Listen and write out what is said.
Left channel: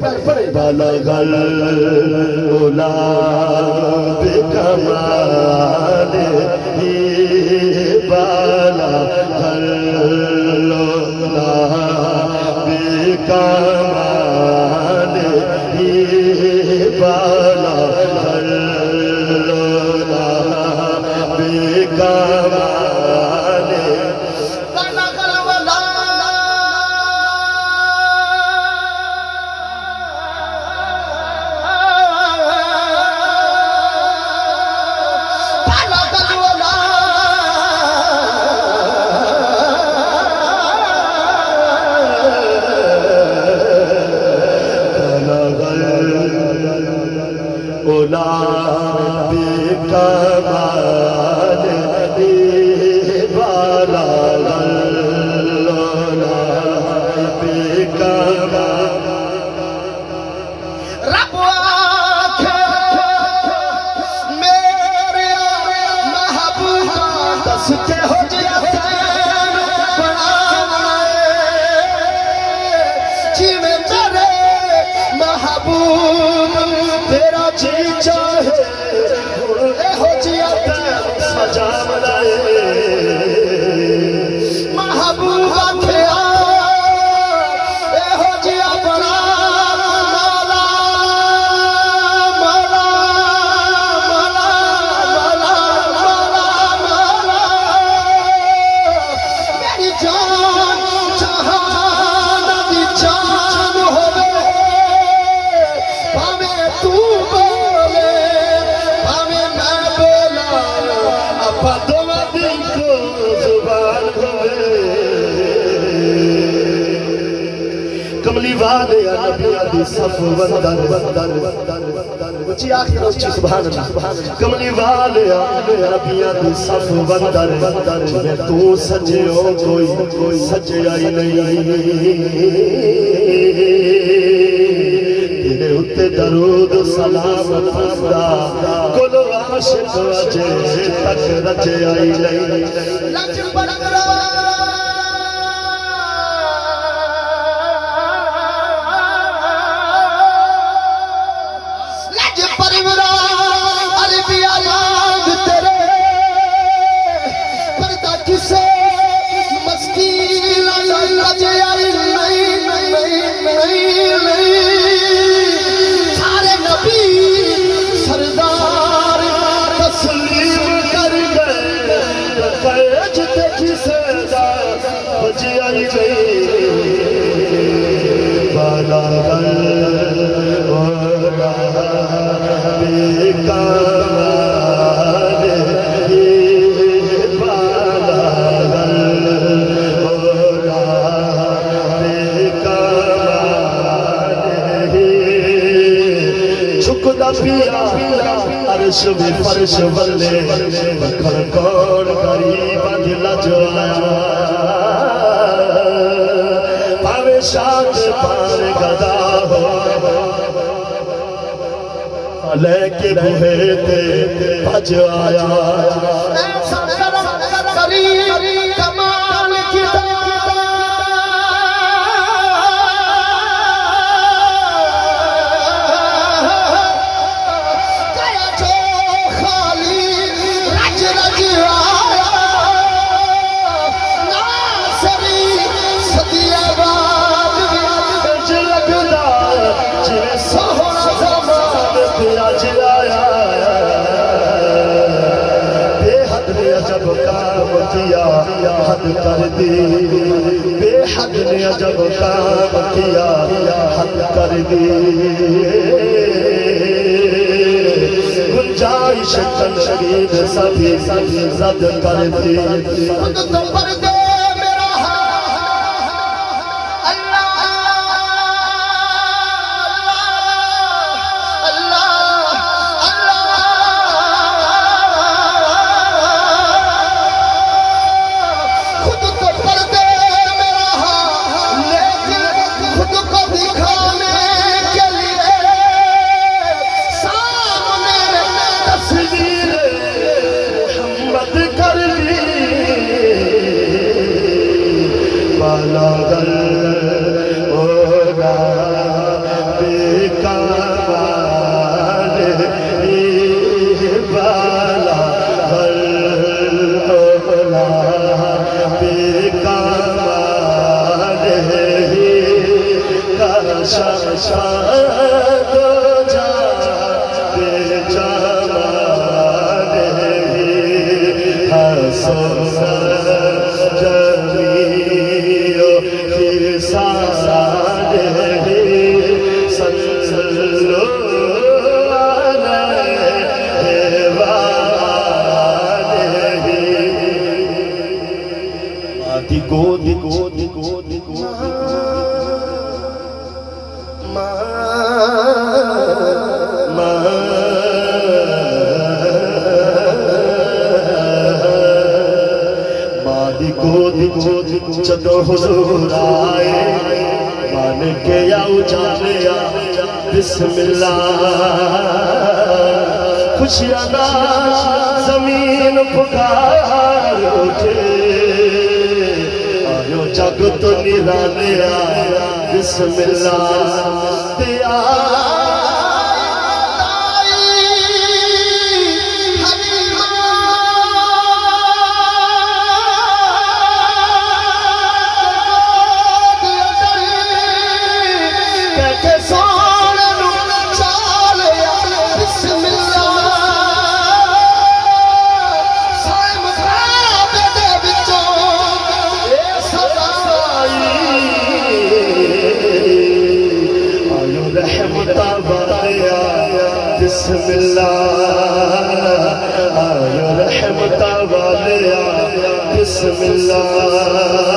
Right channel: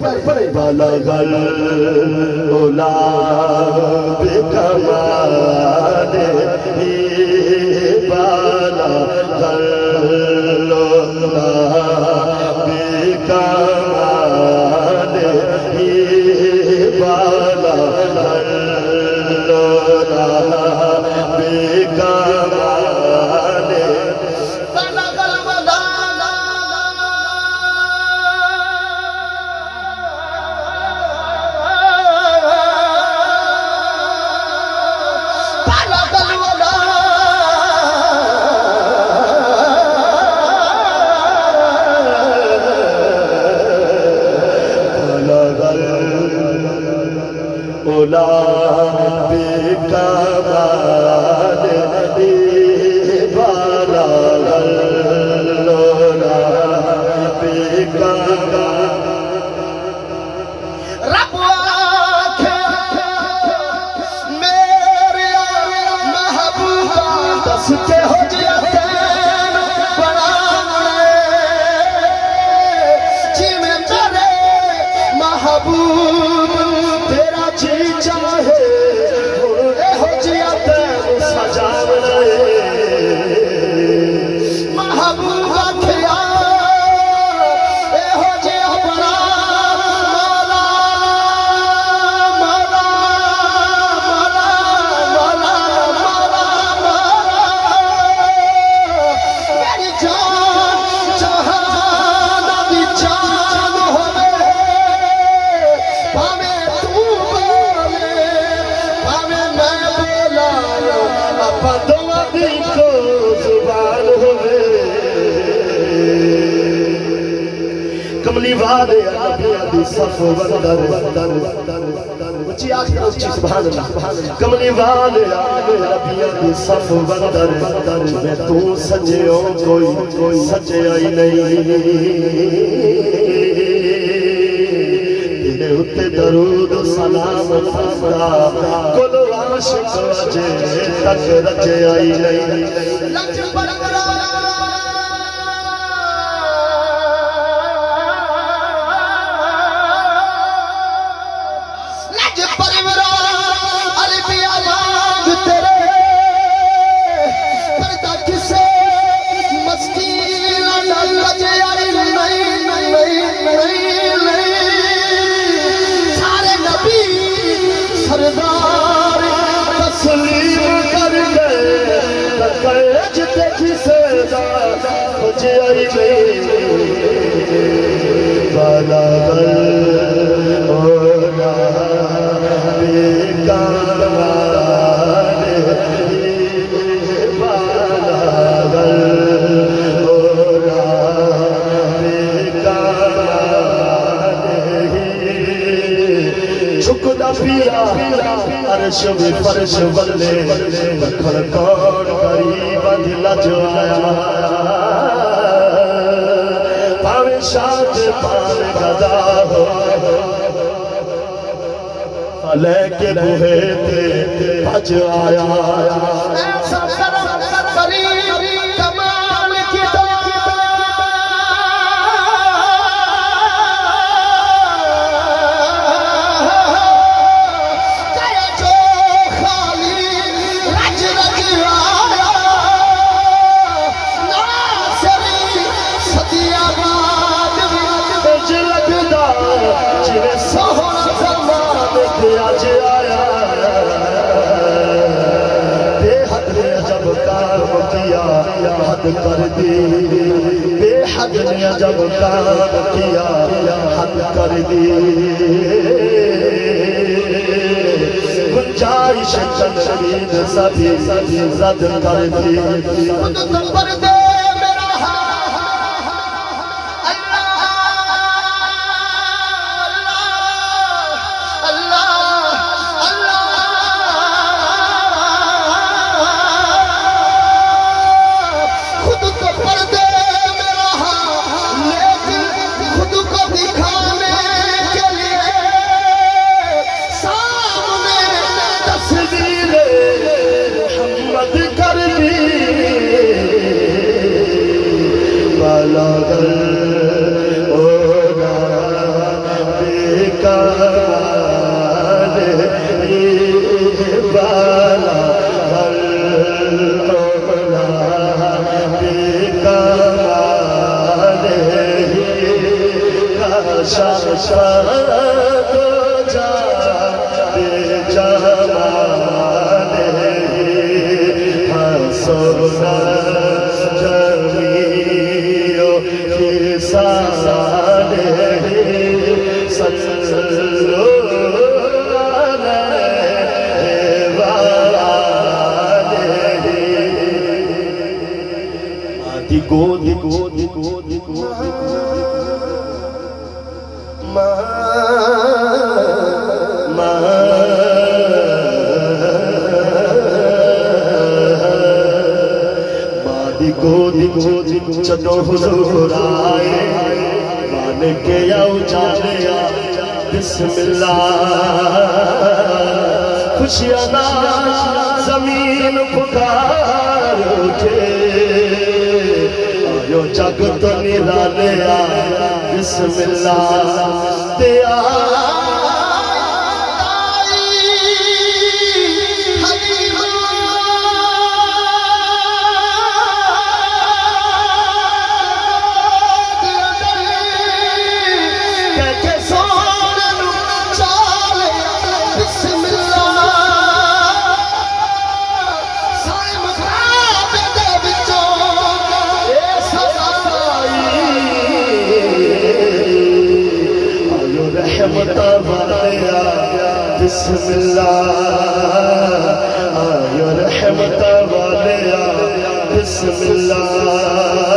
बलगल ओला बेकमाल ही बलगल ओला बेकमाल ही बलगल ओला बेकमाल ओला बेकमाल ही बलगल ओला बेकमाल रब आखे मेरे महबूबा दस के हो जियतैन बनाए जी में तेरे महबूब तेरा जी चाहे हो जियतैन सजा बनाए महबूबा ख्या हो जिया बना मौला मौला मौला मौला मौला मेरी जान जहान दी जान होवे भावे तू बोले भावे मैं बोला अपा दोवां दी को जुबान होवे कमली वाले नबियां दी सफ वंदर उची आखिर उची सुभान अल्लाह कमली वाले नबियां दी सफ वंदर मैं तू सजयो कोई सजया ही नहीं तेरे उत्ते दरूद सलाम था कोलो आशिक अजे तक रजया ही नहीं लज बरकरा लज परवरा अरबिया मांग तेरे पर्दा किसे मस्कीन लज आई नहीं नहीं नहीं सारे नबी सरदार तस्लीम कर गए कैज किसे बुझाई गई बलगल ओला बेकमाल ही बलगल ओला बेकमाल ही झुकदा पिया अर्श में फर्श वल्ले बखर कौन गरीब दिला जो आया पावे शाद पार गदा हो लेके बुहे ते भज आया ऐसा करम करी कमाल की गया जो खाली रज रज आया नासरी सदियाबाद बज लगदा जिवे सोहना जमान ते अज आया बेहद ने अजब काम किया हद कर दी बेहद ने अजब काम किया हद कर दी गुंजाइश तनवीर सभी जद कर दी खुद तो पर दे मेरा अल्लाह अल्लाह अल्लाह खुद तो पर दे मेरा लेकिन खुद को दिखाने के लिए सामने तस्वीर मोहम्मद कर दी कमाल बाला हर होला बेकमाल का शाशाद जा बेजमाल हसना जमीओ किसान सल्लो गोद गोद गोद गोद मादी गोद गोद चलो हुजूर आए मान के आओ जालिया बिस्मिल्लाह खुशियां ना जमीन पुकार उठे यो जग तो निराले आया बिस्मिल्लाह ते बिस्मिल्लाह आयो रहमत वाले बिस्मिल्लाह